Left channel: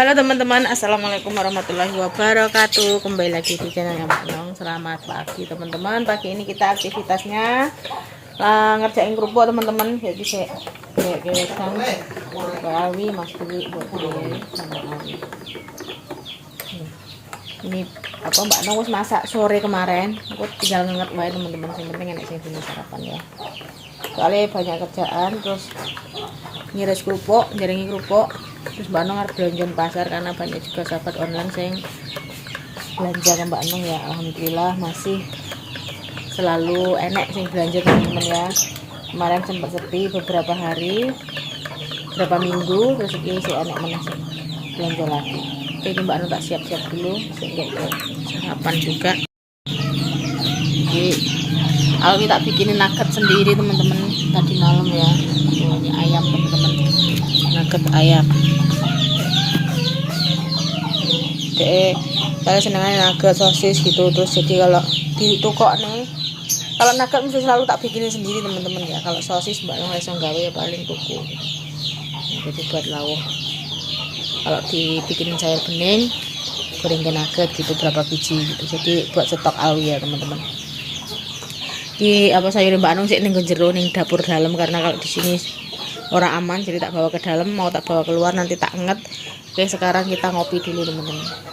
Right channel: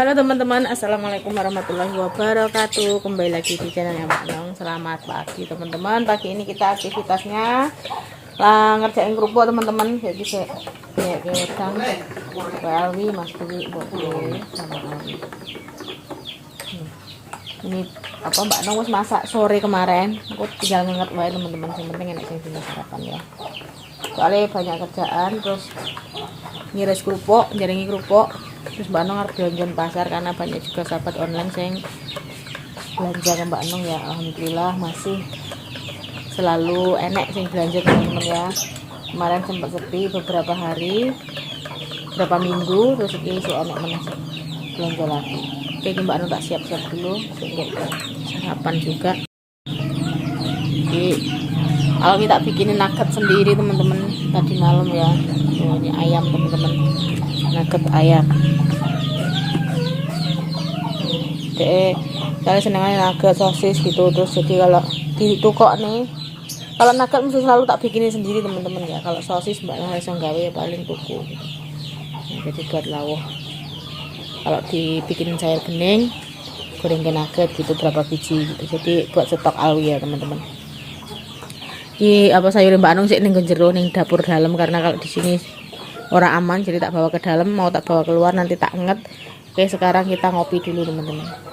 Halo teman-teman, assalamualaikum warahmatullahi wabarakatuh. Kembali lagi di channelnya Mbak Nong. Selamat pagi teman-teman. Pagi ini kita aktivitasnya ngerjain kerupuk teman-teman. Jadi saya gedang Alwi Mas Dwi buat sama Alwi. Ini apa Mbak Nong wis masak sore kemarin. Aku tinggal nganget wae teman-teman. Yang penting enak sing dino sarapan ya. Soalnya banyak kerjaan, terus ngiris kerupuk, jaringi kerupuk. Terus Mbak Nong harus belanja pasar karena banyak juga sahabat online yang belanja ke Mbak Nong ya. Alhamdulillah masih selalu enak sih belanja teman-teman ya. Kemarin sempat sepi beberapa hari, beberapa minggu, terus ini sih enak mana sih belanja lagi. Oke, Mbak Nong tak siap-siap dulu sehingga sarapan juga. Jadi Alwi tak bikinin nugget sendiri teman-teman tadi malam ya. Oh, ini ayam teman-teman, nugget ayam. Kalian senengnya nugget sosis gitu, terus jadi kalau di toko nih, kalau nugget mesti selalu tak bikinin sendiri teman-teman ya. Kalau sosis Mbak Nong langsung gawe ya paling tuku gitu. Nah, jadi buat lawuh. Kalau dibikinin sayur bening, goreng ke nugget gitu berapa biji gitu. Jadi buat stok Alwi ya teman-teman. Di apa sayur Mbak Nong sih ning jero ning dapur dalam karena kalau di sini orang aman, jadi tak bawa ke dalam, mau tak bawa keluar nanti tak nget. Oke, sekarang kita ngopi dulu teman-teman.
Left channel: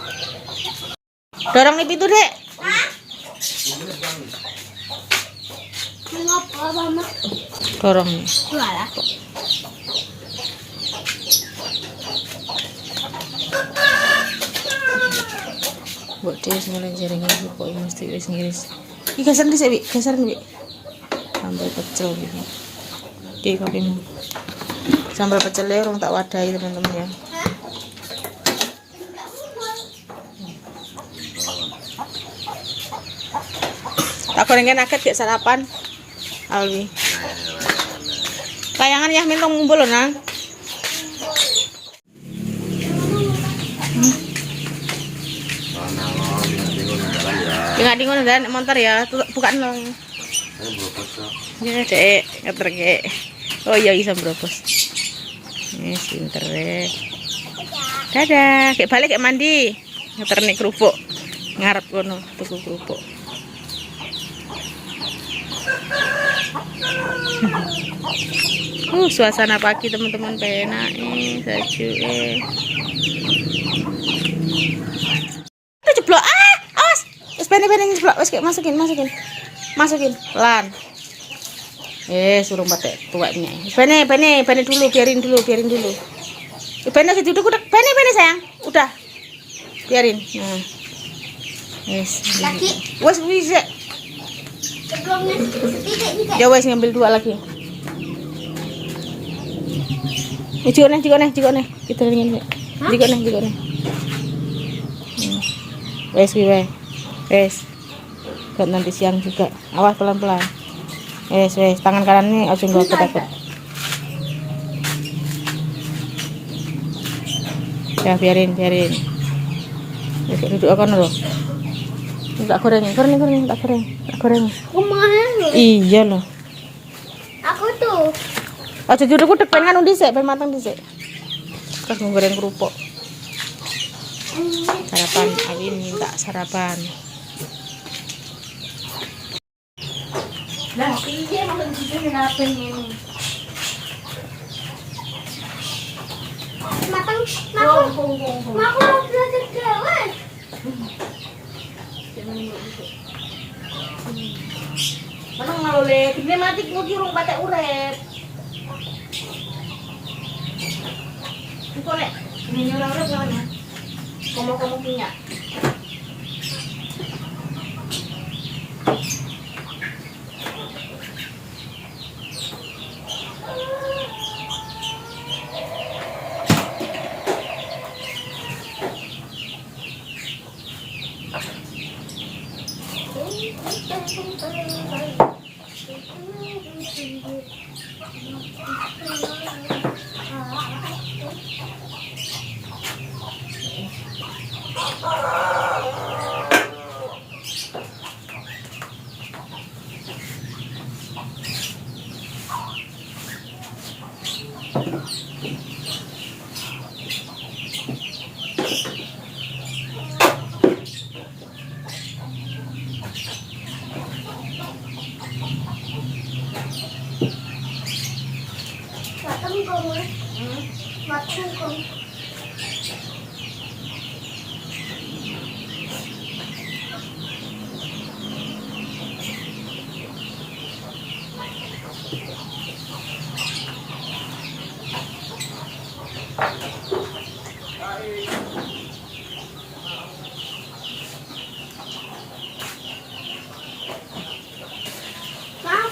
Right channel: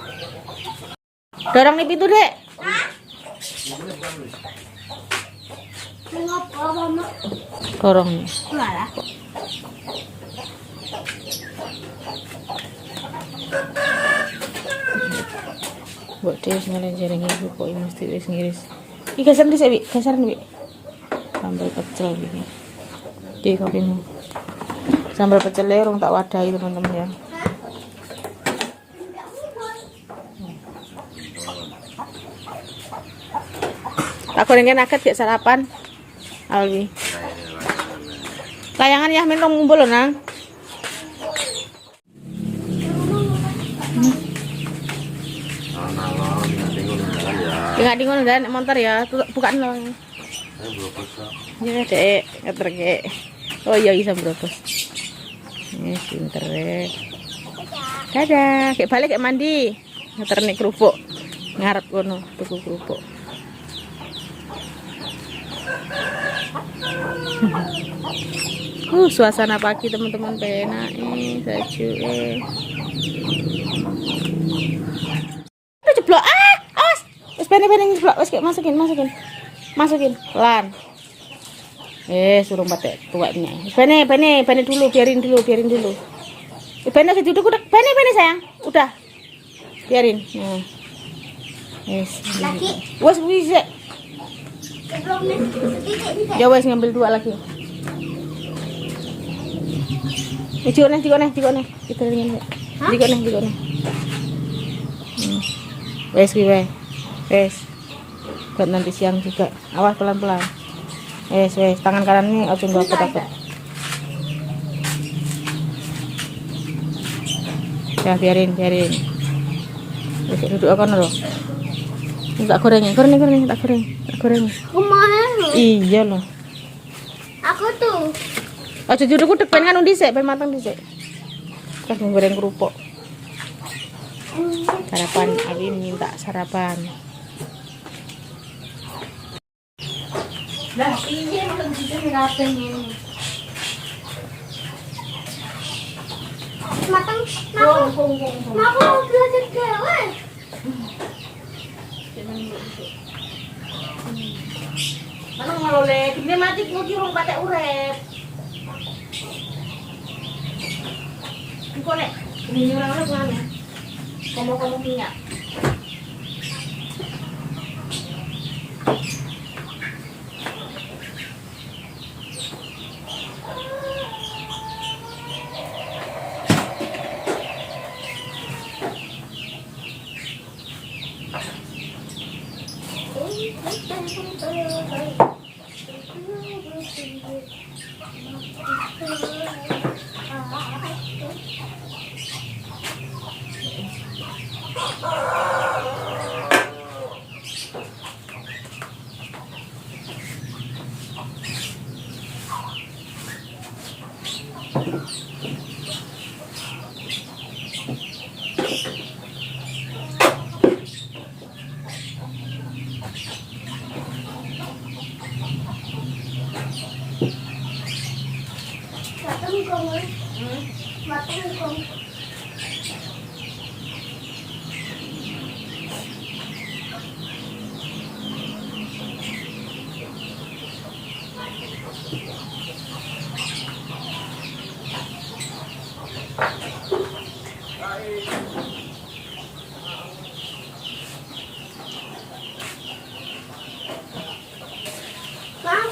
Dorong nih pintu dek. Dorong nih. Buat dia semuanya jaringnya pokoknya mesti ngiris. Ini geser nih Bi, geser nih Bi. Sambal pecel gitu. Oke, kopimu. Sambal pecelnya orang tak wadahi teman-teman ya. Tak gorengin nugget gak sarapan Alwi. Layangan ya minta ngumpul loh nang. Tinggal di ngono dan motor ya, bukan loh. Ya dek, ngeterke. Oh iya bisa berobos. Ini pinter deh. Dadah, kayak balik kayak mandi. Ngeternik kerupuk. Ngarep kono tuku kerupuk. Suasana pagi teman-teman penak sejuk jeblok awas wis bene-bene jeblok wis kayak masukin pelan suruh batek tuanya bene dulu biarin dulu bene duduk udah bene sayang udah biarin nah wes bisa ya wes ngambil 2 lagi. Jikone. Kita ingin. Jikone. Wes. Buat nanti siang juga. Awas pelan-pelan. Wes. Tangan kanan nih harus gua takut. Ya biarin. Wes duduk akan loh. Tak goreng. Tak goreng. Iya loh. Aku tuh. Aja duduk udah pengen kan dhisik, pengen matang dhisik. Terus goreng kerupuk. Sarapan, Alwi minta sarapan. Lah iya makan di sini ngapain ini? Matang, aku mau belajar dewe. Mana ngalole, gini mati kudu rong patek urip. Kok nek nyurang urip ngene. Komo minyak. Aku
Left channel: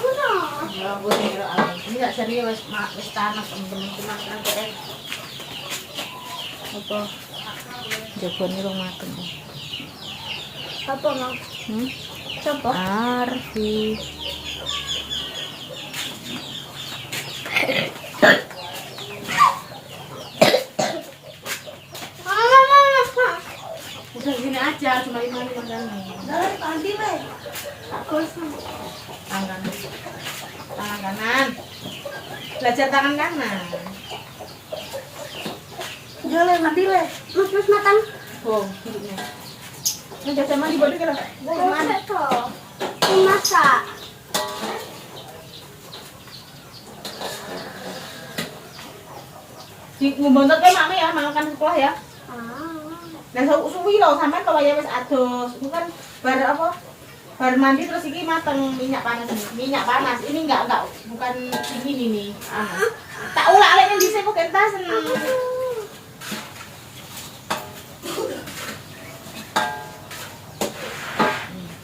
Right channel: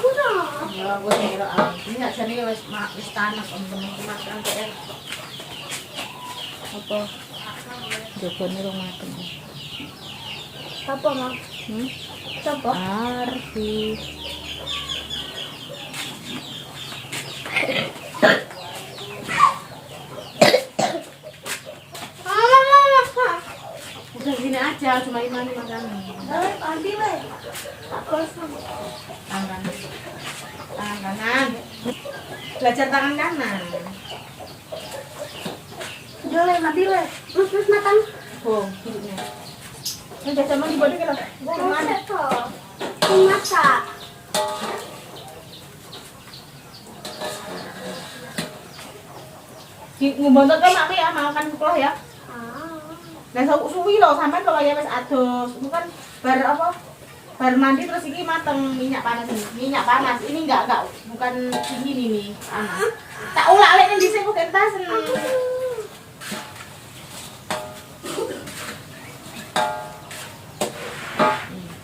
dong. Ya, gue kira ini nggak serius, wis tanah teman-teman mas kan kayak apa? Jogone rong mateng. Apa mau? Siapa? Arfi. Udah gini aja, cuma ini makannya. Tadi deh. Aku sama. Tangan kanan. Belajar tangan kanan. Jangan mati deh. Mas makan. Oh, hidupnya. Ini jajah mandi bodoh kalau. Gimana tuh? Masak. Ngubontot kan mami ya, makan sekolah ya. Nah, suwi loh, sampai kalau ya wis adus, bukan bar apa? Bar mandi terus ini mateng minyak panas ini. Minyak panas. Ini enggak bukan ini nih. Tak ulak-alik yang dhisik kok kentasen.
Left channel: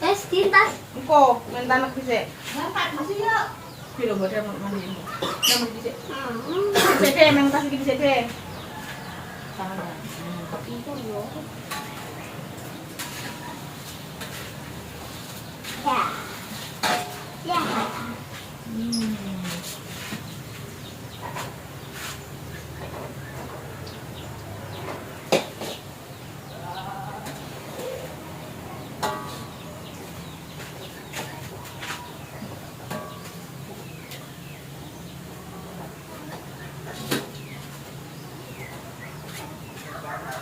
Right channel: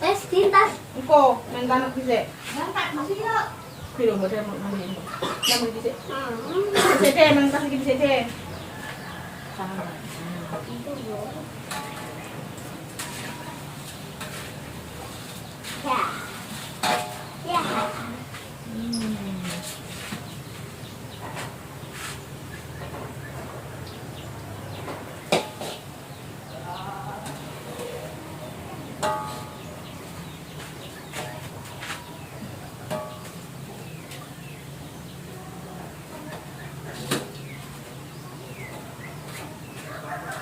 Tes tintas. Engko men tanek dhisik. Ngangkat masih ya. Piro bodhe mandi ini. Nang dhisik. Dhisik men tas iki dhisik. Tangan. Itu ya. Ya. Ya.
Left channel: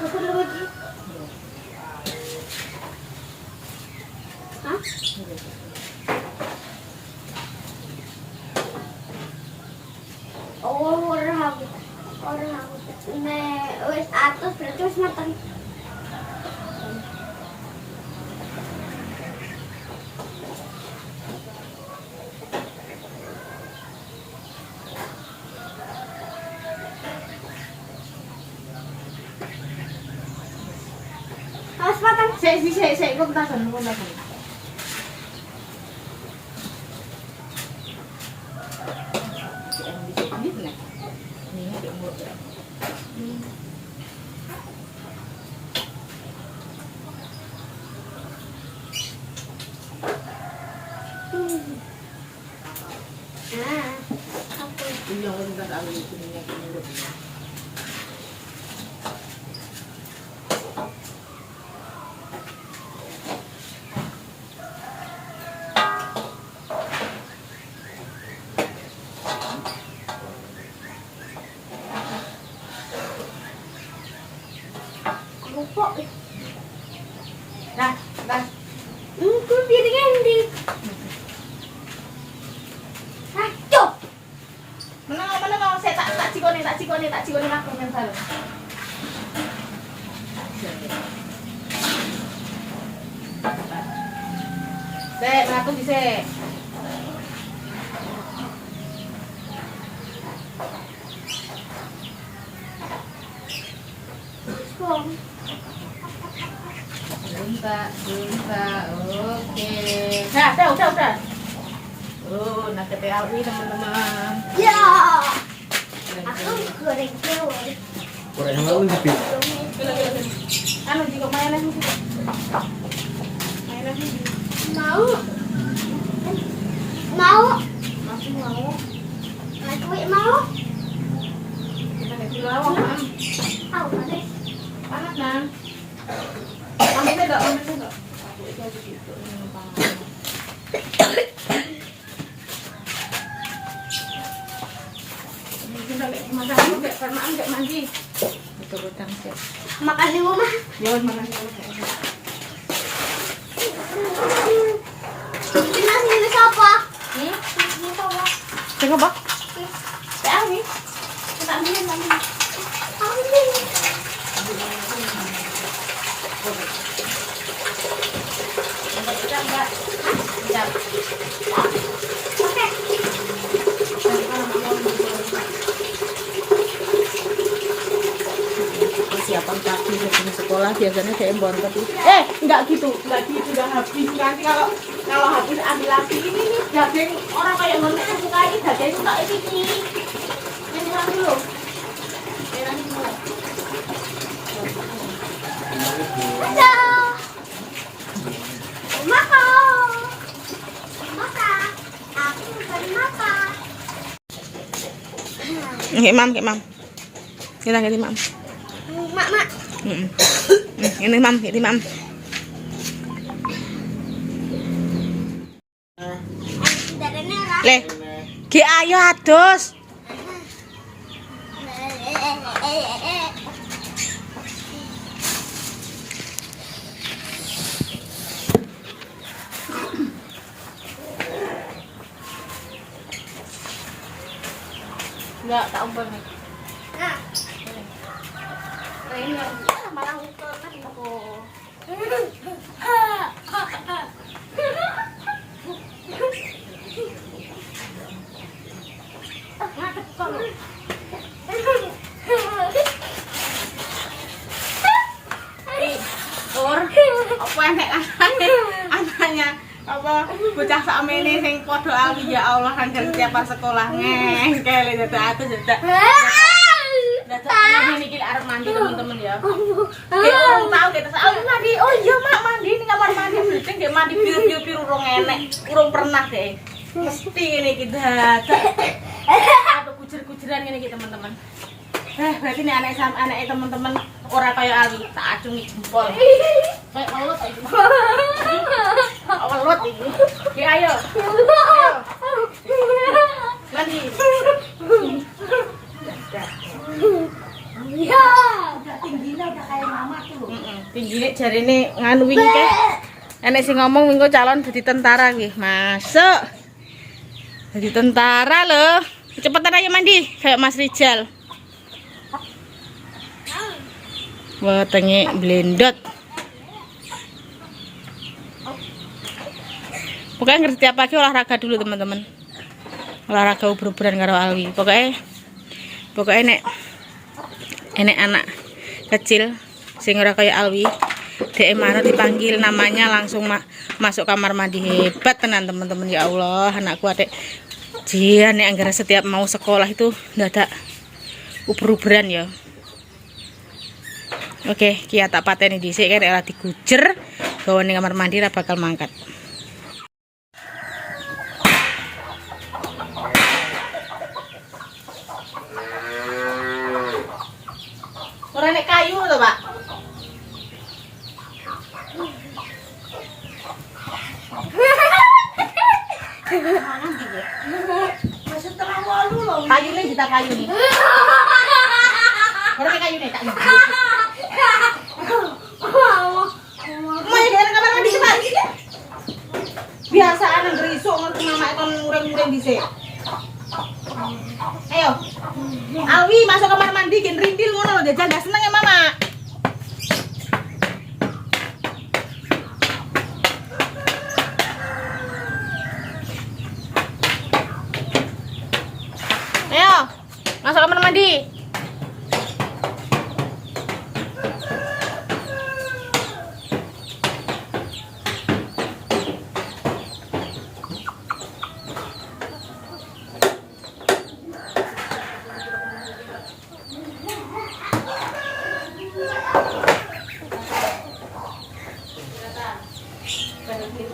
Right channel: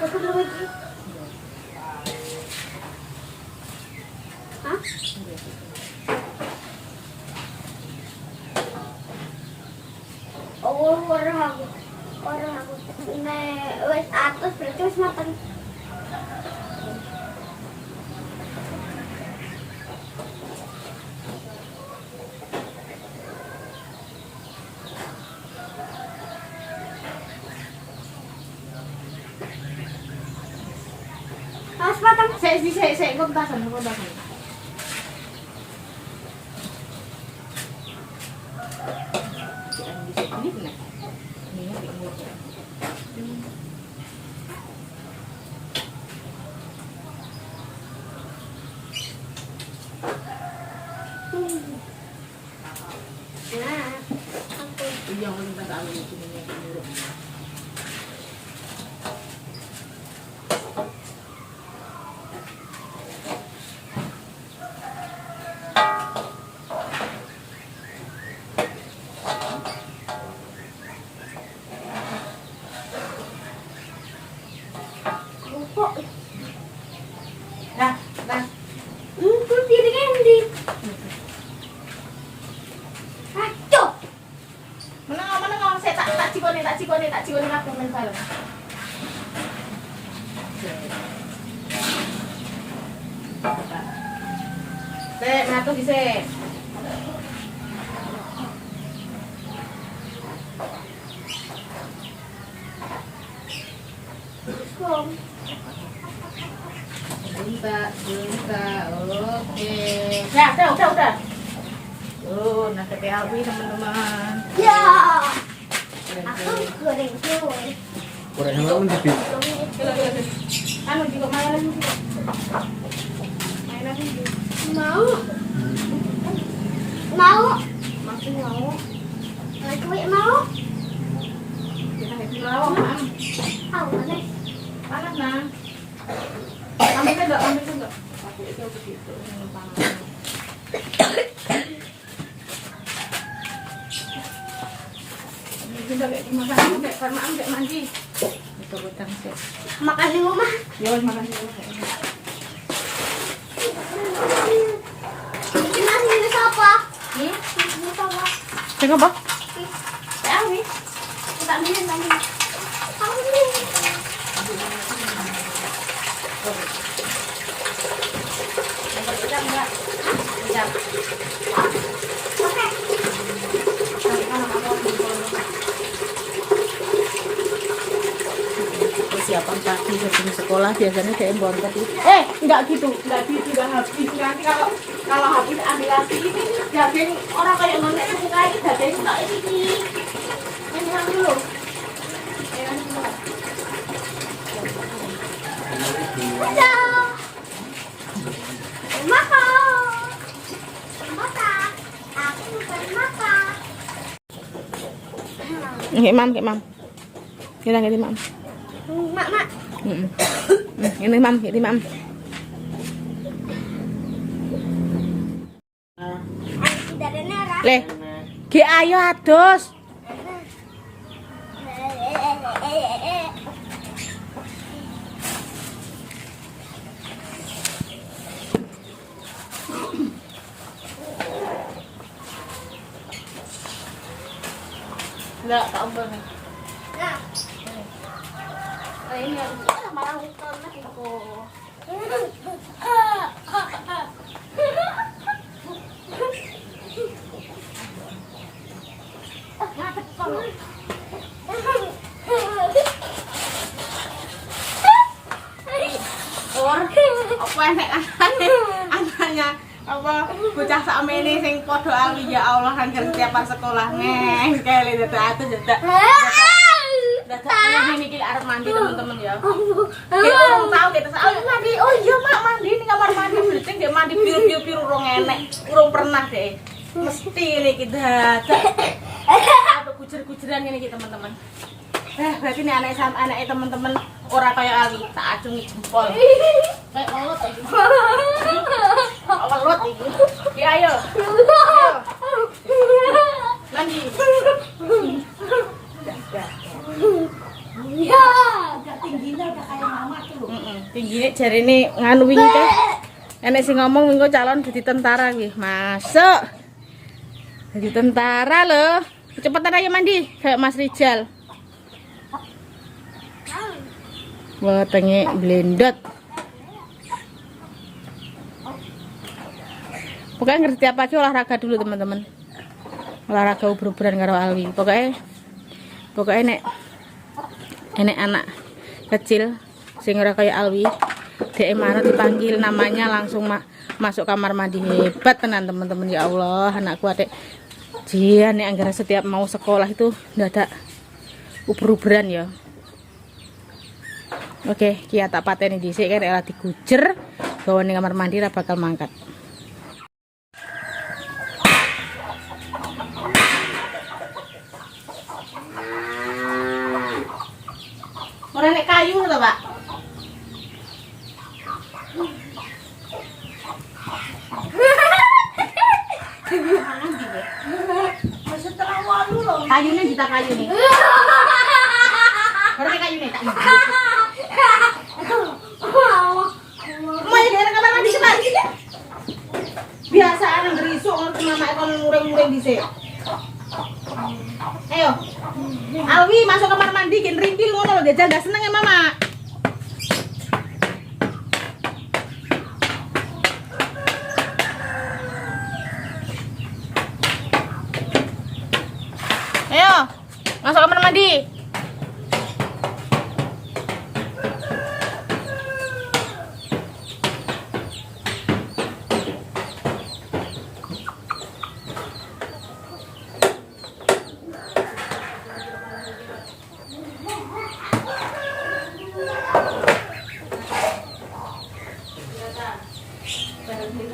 Apa lagi? Hah? Oh, orang aku. Nah, wes atas berarti wes matang. Mas matang. Sik, kontasan. Ini benar. Ini ya, umur ya. Nah, oke. Iya, kita ambil ini urut. Lupa. Dah. Aku piringnya di. Aduh. Mana saya tak cikone aku mental. Dek, ngatur dhisik. Kom. Bunta, oke. Nah, udah. Oh, nak ke Alwi teman-teman. Ya. Aku goreng telur. Kurang sama pun tapi Gila. Anu juga mayonnaise ini. Mayonnaise ini. Mau. Masih mau. Aku mau. Kita kasih lawang, Mam. Panas. Panas, Nang. Ambil enggak? Aku itu aja gitu, panas. Kita lihat makan enggak karena enggak mandi. Itu butang sih. Makasih Mama. Ya, makan dulu. Ini siapa? Ini Ini siapa? coba. Ya, ini. Kita ambilin lagi. Ambil. Dapat ikan enggak? Ikan. Oke. Persiapan kaki sebelum sekolah biasanya saya bontot itu. Enggak gitu udah habis. Nanti kalau habis ambil lagi ini nih daging orang kayak mana yang suka ini daging tak ini. Ini yang dulu. Halo. Makan. Makan. Aku kan makan. Kayak mam. Kita ganti mam. Mak. Ini mam, ganti mam. Dari merah. Le, ki ayo adus. Enggak, tak umpel. Nah, ini yang malah umpel nanti aku. Apa enek anaknya apa bocah sakmene sing padha alwi ya Allah anjir setiap pas sekolah ngengkel dadak atus dadak ini iki arep mandi teman-teman ya. Orang tahu kita mandi. Oh iya mak mandi ning kamar mandi bledeng dia mandi biru-biru urung enek urung pernah deh. Mesti ini iki dadak atau kujer-kujeran ngene iki teman-teman. Berarti ini anak teman-teman ora kaya Ali, tak acungi jempol. Kayak welut iki. Welut iki. Ki ayo. Nanti. Ya, Tingginya udah kayak mama tuh. Tingginya jarine nganu wingi ke. Enek sing ngomong minggu calon jadi tentara kuwi. Masuk. Jadi tentara loh. Cepetan ayo mandi kayak Mas Rijal. Wetenge blendot. Pokoknya ngerti tiap pagi olahraga dulu teman-teman. Olahraga ubur-uburan karo Alwi. Pokoknya enek anak kecil sing ora kaya Alwi. Dek maro dipanggil namanya langsung masuk kamar mandi. Hebat tenan teman-teman, ya Allah, anakku adek. Jian nek anggere setiap mau sekolah itu ndadak ubur-uburan ya. Oke, kia tak pateni dhisik kan ora digujer, gawa ning kamar mandi ra bakal mangkat. Ora nek kayu to, Pak. Kayune kita kayune. Ora nek kayune tak iki. Mau dari kamar mandi cepat. Biasa anak berisuk ngerti mama kon ngureng-ngureng dhisik. Ayo. Alwi masuk kamar mandi gen rintil ngono lho, jajal gak seneng ya mama. Ayo. Masuk kamar mandi.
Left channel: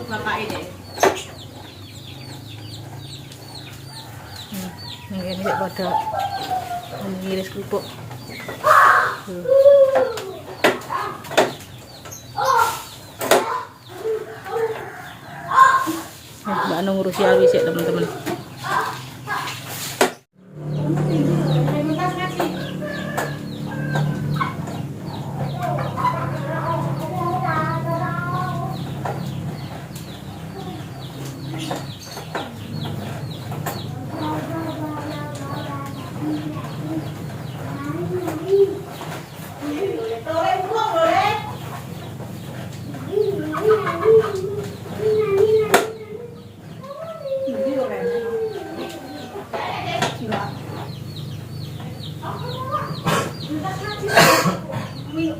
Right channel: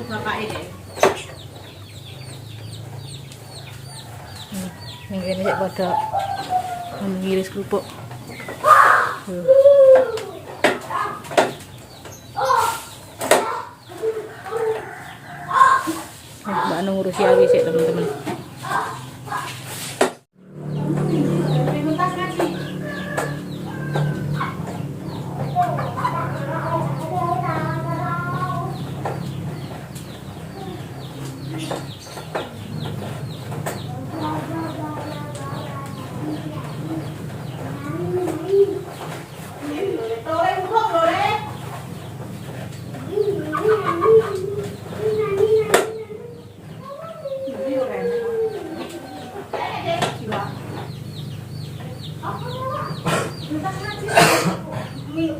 Bapak ini. Ini sik padha ngiris kerupuk. Mbak Anu ngurusi Alwi sik teman-teman.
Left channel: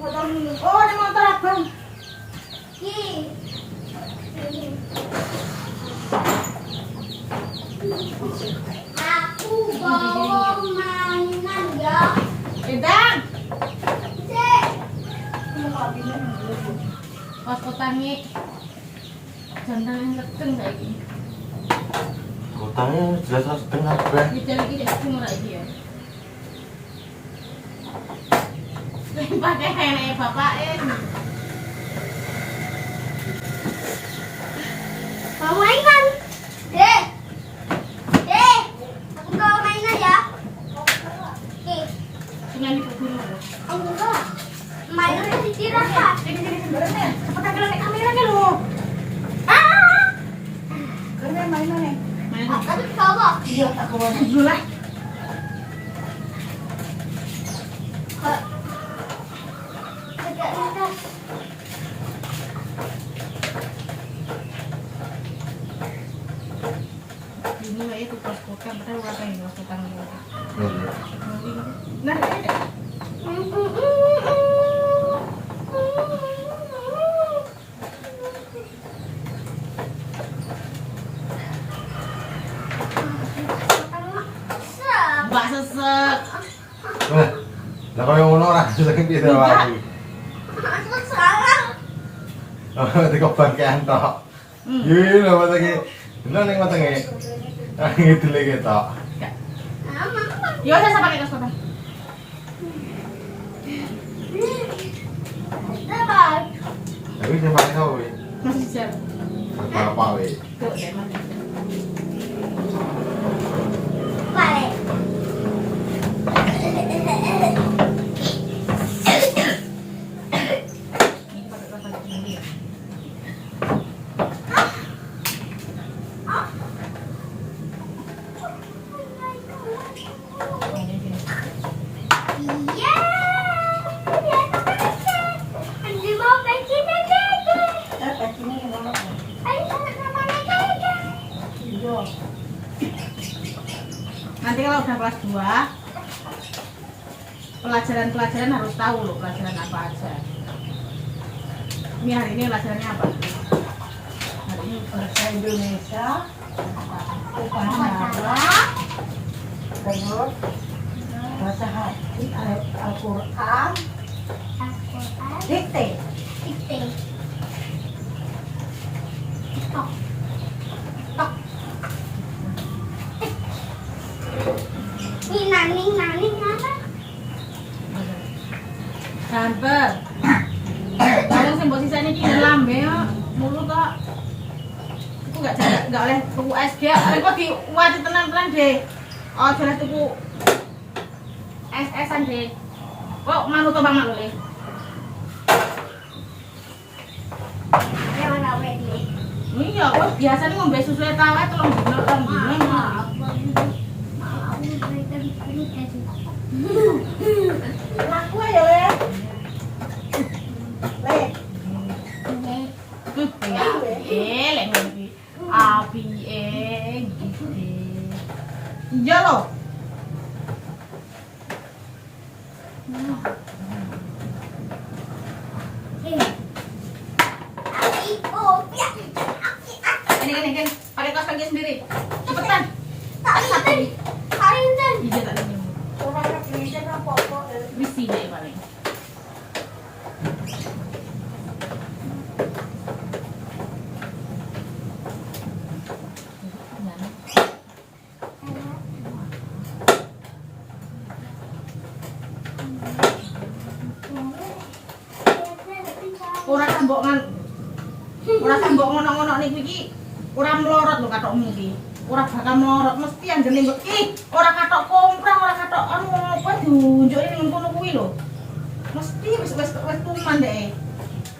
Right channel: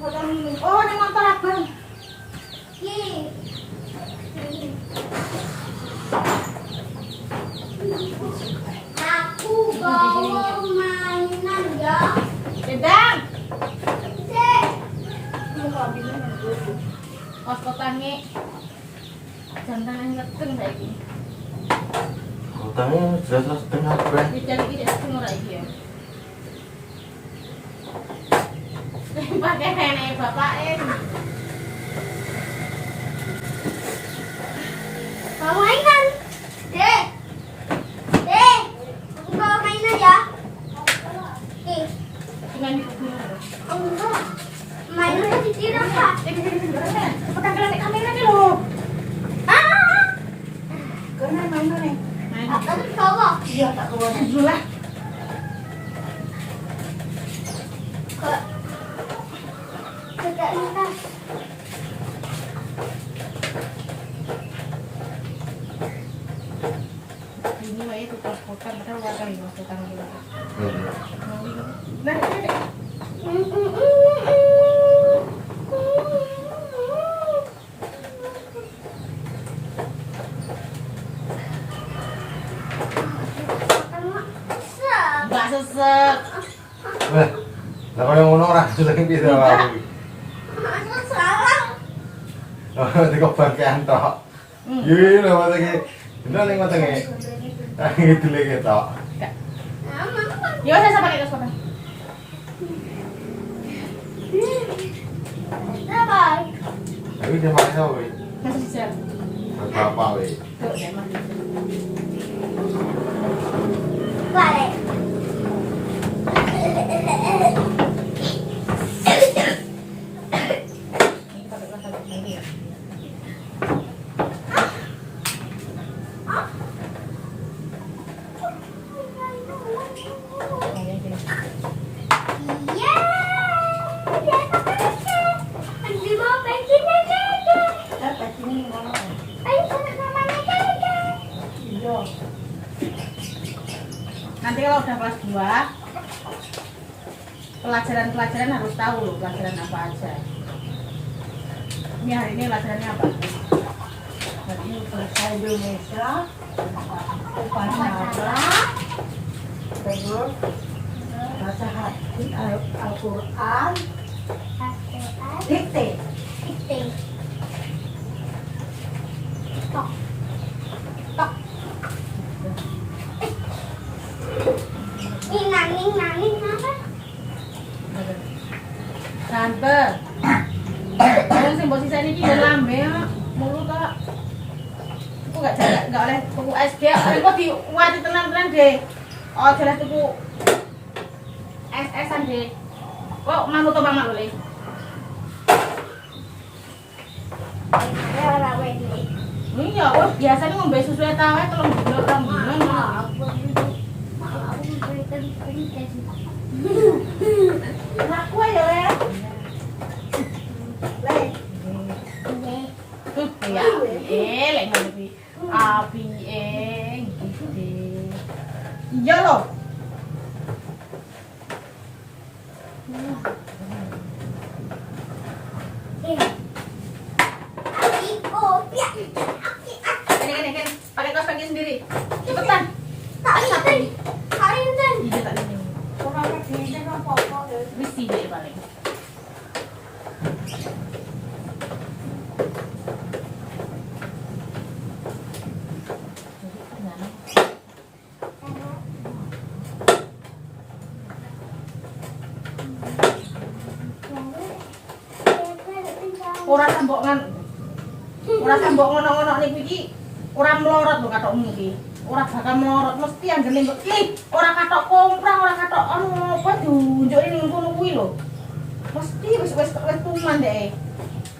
botol minum. Oh, ini motor abang. Ki. Aku bawa mainan ya. Bintang. Cek. Pas kotange. Jantan yang keteng saiki. Kotanya jelas setengah ben. Bicara iki nek sing ora iki ya. Pakai nenek bapake. Mau mainan? Dek. Dek. Aku bawa mainan ya. Oke. Cuma di kubur. Enggak. Mainannya dikira Kak. Cepetan ke kamera ke lo. Ah. Kene mainan. Aku dibawa. Iya tak bawa dulu lah. Tidak lintas. Ini wae itu pas kotan, padahal ora kae pas kotan. Iya. Nah, ini. Mbak sesek. Lah, lah kalau ngono ora jeneng piye ta wae. Aku salah. Oh, dikobangkean tok. Iya lho mata iki. Bener ning mata iki. Ah, gitu lagi tok. Ya wis sampe ke kosan. Dapat. Tapi dia pakai kowe. Masih bisa. Para pak we. Tuh, ya masih bisa. Balik. Ini pakai kosan ini ya. Ini gini. Iya. Udah pakai. Andi mau pengen aja. Dapat ini ngono. Ayo sama-sama aja. Iya. Nanti kalau udah kelas 2 pelajaran-pelajaran harus tahu loh pelajaran apa aja. Ini hari ini pelajarannya apa? Hari ini bahasa Indonesia, bahasa terus bahasa hadis Al-Quran, dikte. Dikte. Ini naning apa? Sampai. Kalau sing mbok sisane iki ya lambe mulu tok. Iku enggak oleh tuku SG, kok diwati tenan-tenan deh. Oh, jelas tuku SS-an deh. Kok manut to Mama Loli? Lewat apa ini? Iya, kok biasanya ngombe susu eta wae 3 dino 2 dino. Aku ya, Le. Le. Tuh ya. Lek ngono iki. Apike gitu deh. Iya loh. Kan. Pakai kaos kaki sendiri. Cepetan. Iya tak ini. Mesti deh paling. Ora sambok ngono-ngono niku iki ora mlorot lho katokmu iki. Ora bakal mlorot mesti anggene kok ora katok komprang, ora katok anu apa diunjuki ning kono kuwi lho. Mesti wis tuman deh.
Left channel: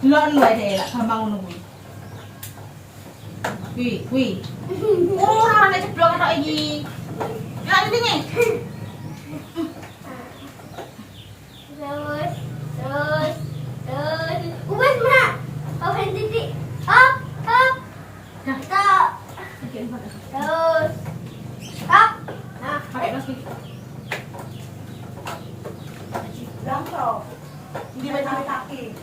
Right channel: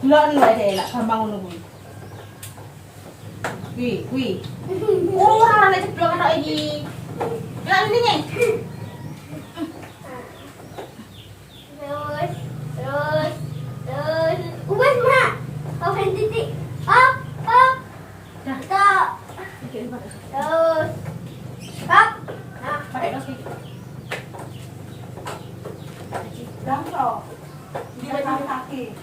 Delok wae deh lak gampang ngono kuwi. Kuwi. Ora nek ceblok katok iki. Lah ndine. Ubah mak. Oh, titik. Up. Stop. Terus. Up. Nah, Pakai kaos kaki. gampang. Dia tarik lagi.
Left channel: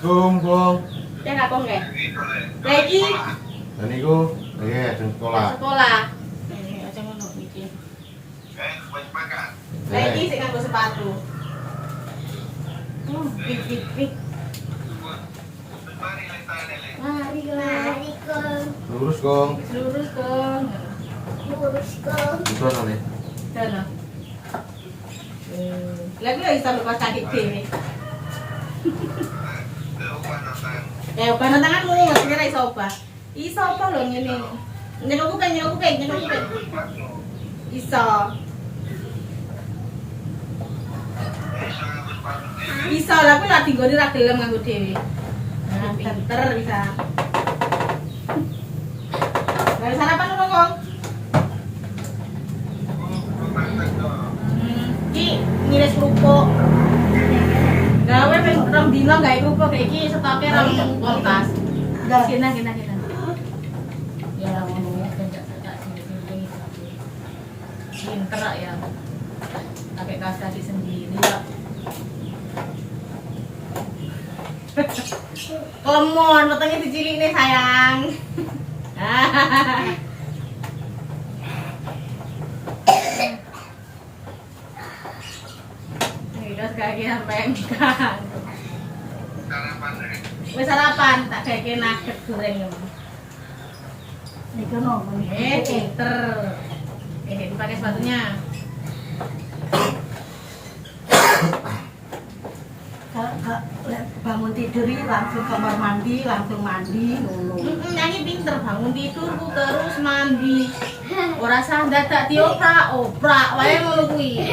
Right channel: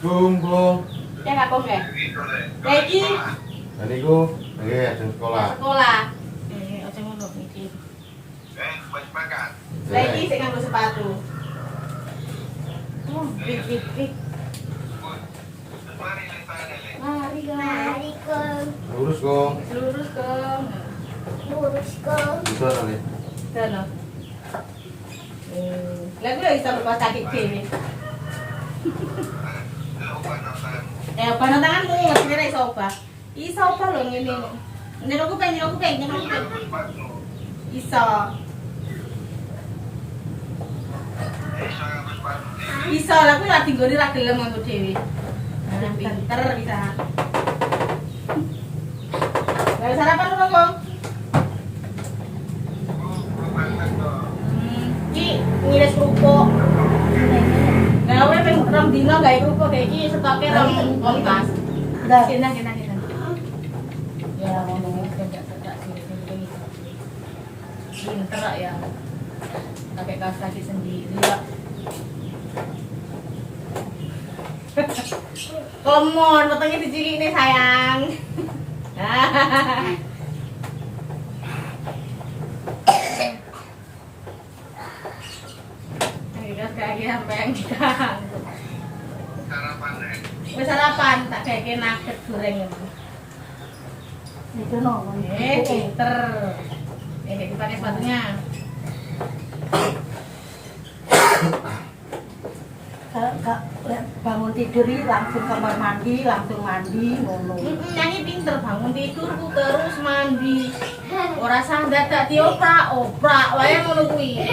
Assalamualaikum, Bung. Ya nggak kong ya? Lagi Tadi ku lagi ada sekolah. sekolah. Aja ngono iki. Lagi sing nganggo sepatu. Pik pik pik. Mari kong. Mari kong. Lurus, Kong. Lurus kong. Lurus kong. Itu tadi. Sono. Lagu lagi iso lepas kaki dhewe. Ya ubah nang tanganmu mesti ra iso ubah. Iso ubah lho ngene. Nek aku pengen. Iso. Iso lah kuwi lagi nggone ra gelem nganggo dhewe. Nah, pinter bisa. Gak sarapan lu, Kong? Ki ngiris kerupuk. Gawe ping rong dino gawe kerupuk kayak iki stoke rong kulkas. Kena. Ya ngomong kerja sini. Pinter ya. Pakai kaos kaki sendiri ya. Lemon, potongnya dicilik nih sayang. Udah sekali sampai yang Wis sarapan, tak kayak nugget goreng ya. Itu nongol. Pinter. Dipakai sepatunya. Kalau bangun tidur itu langsung kamar mandi, langsung mandi, ngono. Nyanyi pinter bangun tidurku terus mandi. Ora sah dadak dioprak wae ngono kuwi.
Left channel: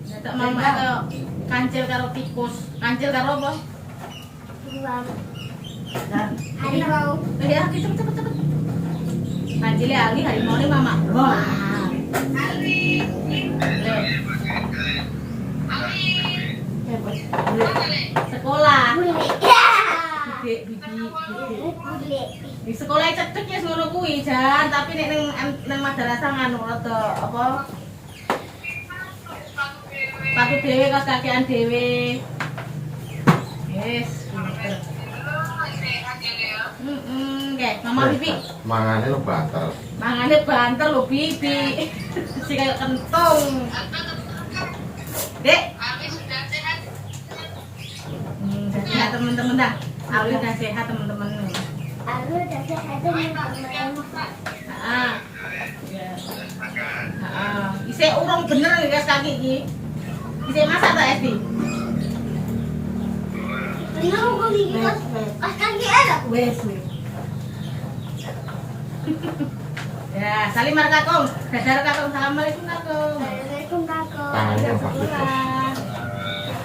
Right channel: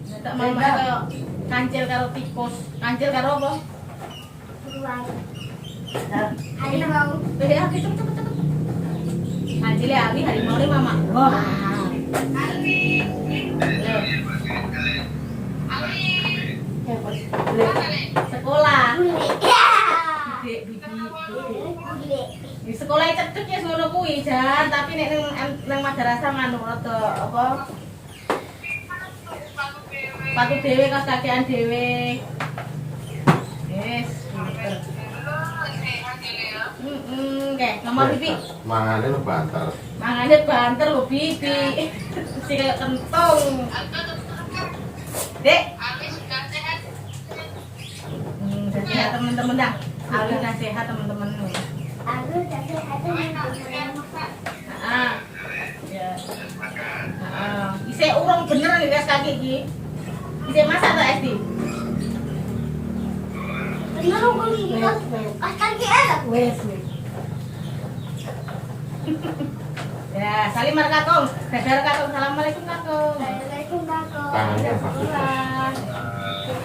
Dadak mama kaya kancil karo tikus. Kancil karo apa? Ruang. Harimau. Ya, cepet. Kancile Ali harimau ne mama. Sekolah. Gede bibi. Di sekolah cecek ya ngono kuwi jan, tapi nek nang madrasah nganu rada apa? Sepatu dhewe kaos kakian dhewe. Yes, pinter. Kayak kamar bibi. Mangane lu banter. Mangane banter lho bibi. Si kayak kentong. Dek, sehat teman-teman dah. Ali udah sehat teman-teman. Aku udah sehat teman-teman. Ya. Isih urung bener guys kaki iki. Isih masak tak SD? Bener kok iki pas kaki ada. Wes. Ya, salim mar Kakong. Dadar Kakong. Assalamualaikum Kakong. Assalamualaikum kakak. Tangannya Alias bagus. sekolah.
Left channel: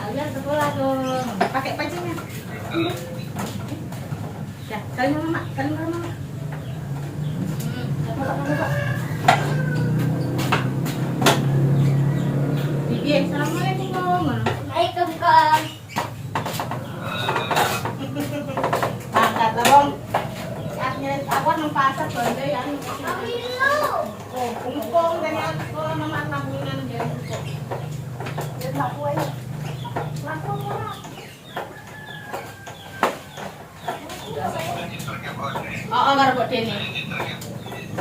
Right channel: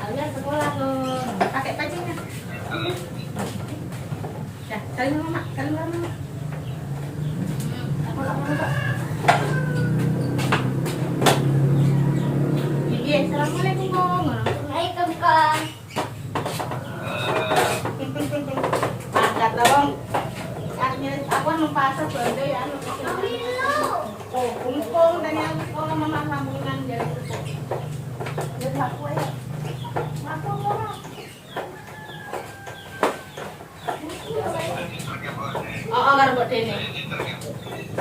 Alias sekolah Kong. Pakai pancingnya. Dah, salim mama, mama. Bibi, assalamualaikum Kong. Waalaikumsalam kak. Angkat dong. Katnya aku mempasar belanja ya. Oh, kumpul dengan sekolah mama sampingan dari Oh, karo mbok dene.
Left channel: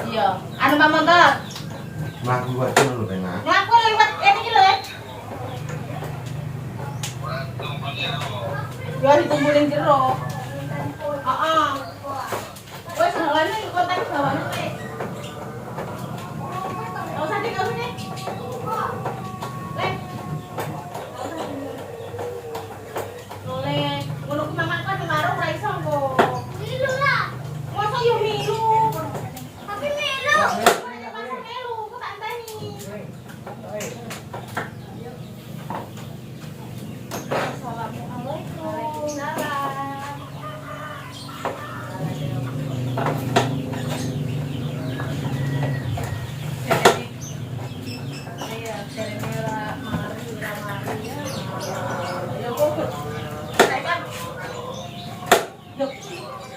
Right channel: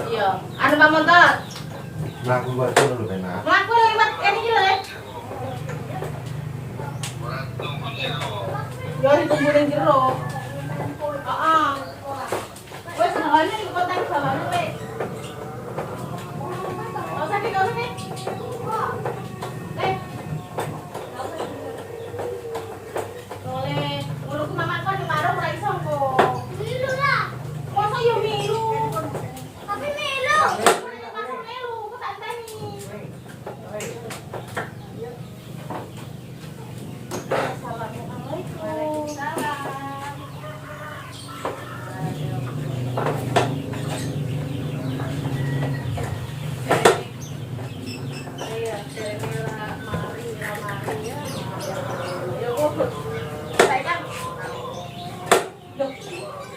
Iya, anu Pak Montor. Mlaku buat dulu tenan. Mlaku lewat kene iki lho. Ya dikumpulin jero. Heeh. Wes ngene konten bawah wis. Kalau tadi kau nih. Boleh. Ngono ku memang kan ngarep ra iso kok. Milu lah. Masa yo milu. Tapi milu. Milu, ku tak tani.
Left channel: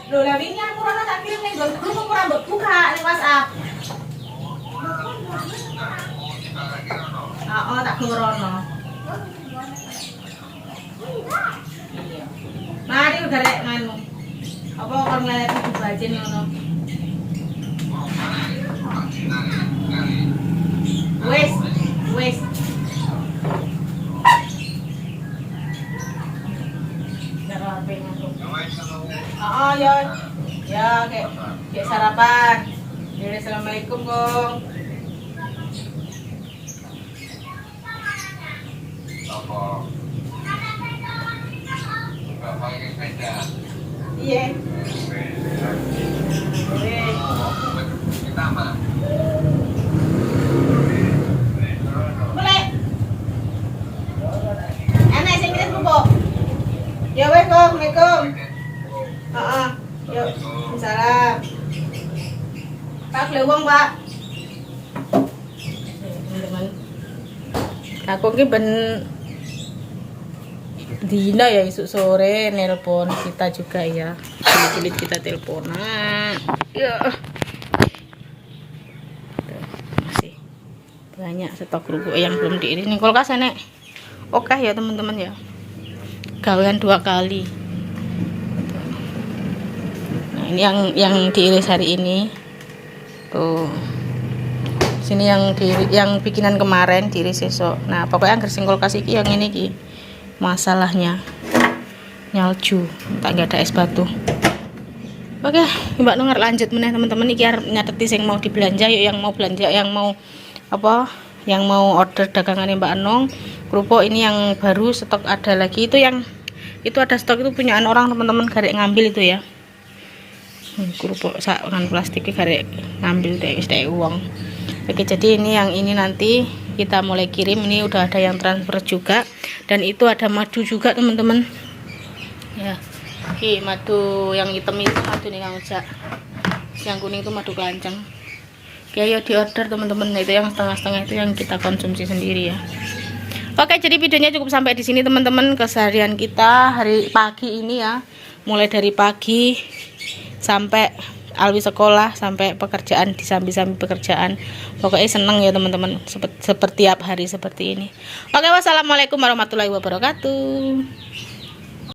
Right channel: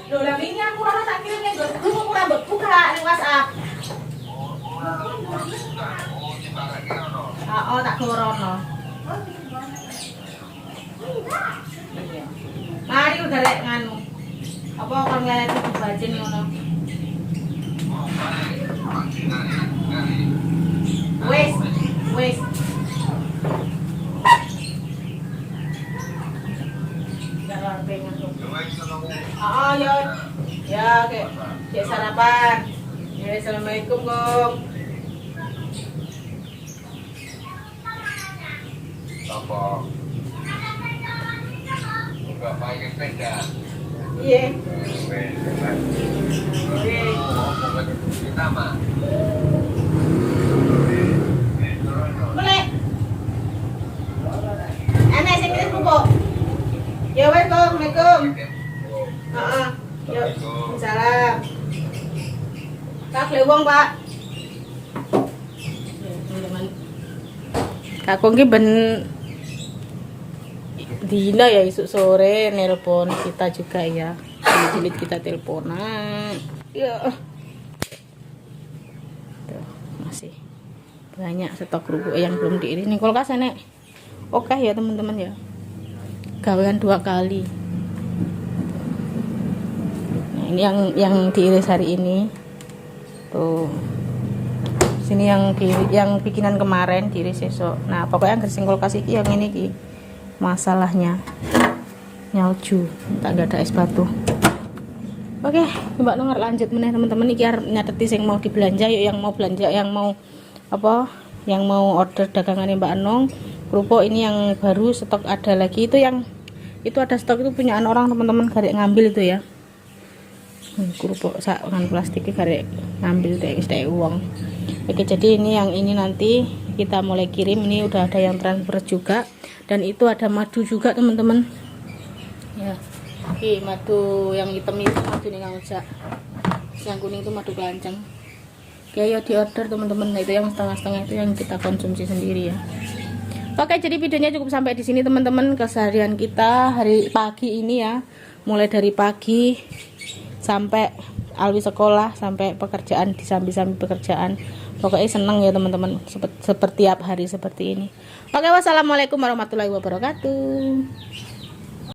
Loh, lah wingi aku ora tak kirim ning grup ora mbok buka ning WhatsApp. tak gorono. Mari udah rek nganu. Apa kon ngeleti dibajen ngono. Wes, wes. Jangan pengen tuh. Oh ya, ya kayak sarapan. Ya, assalamualaikum Gong. Apa? Enggak pakai sepeda. Iya. Boleh. Anak saya kirim bubuk. Ya wes Gong, assalamualaikum. Yuk, salam. Pak, lewong Pak. Kakung ki ben dina ya esuk sore nelpon kita juga ya. Sulit kita teleponan. Ya. Tuh, masih banyak stok kerupuk yang belum diiris. Nih kulkas nek. Oke ya teman-teman ya. Gawean 2 kali. Nah, ini yang diiris hari ini. Tuh. Sini yang bikinan kemarin diiris esok. Nah, pokoknya anggar sing kulkas iki yang ini ki. Masalahnya nyalju, tak ada es batu. Oke, Mbak Nungar lanjut meneh teman-teman iki arep nyateti sing mau dibelanja yuk, yang mau belanja, yang mau apa? Yang mau order dagangannya Mbak Nong. Kerupuk ini yang baru stok ada lagi itu yang itu ada stok itu punyaan orang teman-teman garek ngambil itu ya. Kerupuk sakan plastik garek ngambil deh wis uang. Oke, jadi ini yang ini nanti kita mulai kirim. Ini udah ada yang transfer juga dan itu ada madu juga teman-teman ya. Oke, madu yang hitam itu madu nih Kang Ujak, yang kuning itu madu kelanceng. Oke, ayo di order teman-teman. Nah, itu yang setengah-setengah itu yang kita konsumsi sendiri ya. Oke, jadi videonya cukup sampai di sini teman-teman. Keseharian kita hari pagi ini ya, mulai dari pagi sampai Alwi sekolah sampai pekerjaan, disambi-sambi pekerjaan. Pokoknya seneng ya teman-teman, seperti tiap hari seperti ini. Oke, wassalamualaikum warahmatullahi wabarakatuh.